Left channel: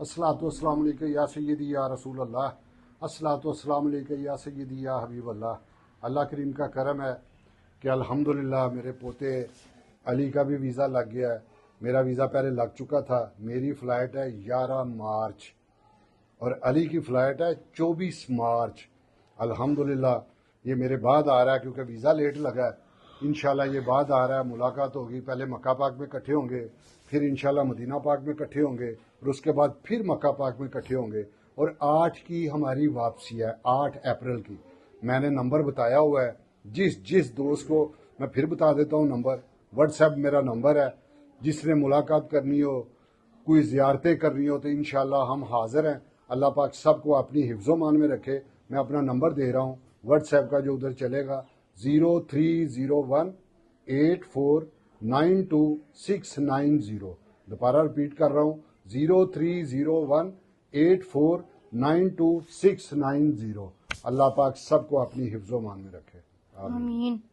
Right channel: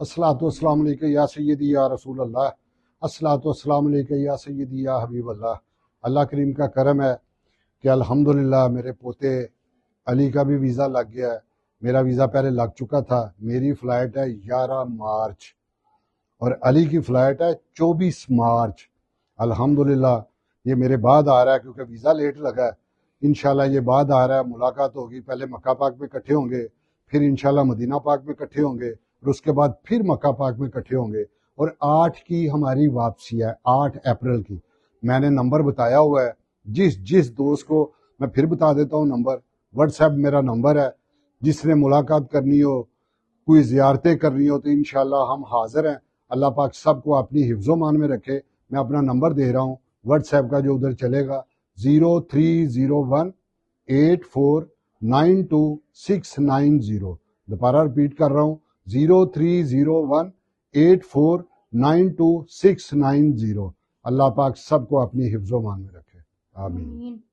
अस्सलातु वस्सलामु अलैका या सय्यदी या रसूल अल्लाह, अस्सलातु वस्सलामु अलैका या सय्यदी या हबीब अल्लाह। अल्लाह करीम का करम है कि अल्हम्दुलिल्लाह मेरे पोते अली का भी वीज़ा लग गया है। मेरा वीज़ा पहले लग चुका था। मेरी फ़्लाइट है 11 मार्च और अली की फ़्लाइट है 24 मार्च। अल्हम्दुलिल्लाह ये मेरे बाद आ रहा है क्योंकि वीज़ा लेट लगा है। इंशाल्लाह ये बाद आ रहा है, मुलाकात होगी। पहले मक्का पाक में इकट्ठे होंगे, फिर इंशाल्लाह मदीना पाक में इकट्ठे होंगे और उसके बाद फिर मक्का पाक में इकट्ठे होंगे। और 8 की हमारी वापसी है, 8 अप्रैल की। मैंने नंबर बताया हुआ है, जिस दोस्त को मैं फिर बता देता हूँ नंबर। व्हाट्सएप मेरा नंबर है, जिसने मुलाकात करनी हो, कोई ज़ियारतें करनी हो तो इंशाल्लाह हम हाज़िर हैं। अल्लाह पाक सबको अपनी हिफ्ज़ो मान में रखे। मैं अपना नंबर दे रहा हूँ व्हाट्सएप का, जो उधर चलेगा 030184929690। दोबारा रिपीट कर रहा हूँ 030184929690। अल्लाह पाक सबको अपनी हिफ्ज़ो मान में रखे। आमीन।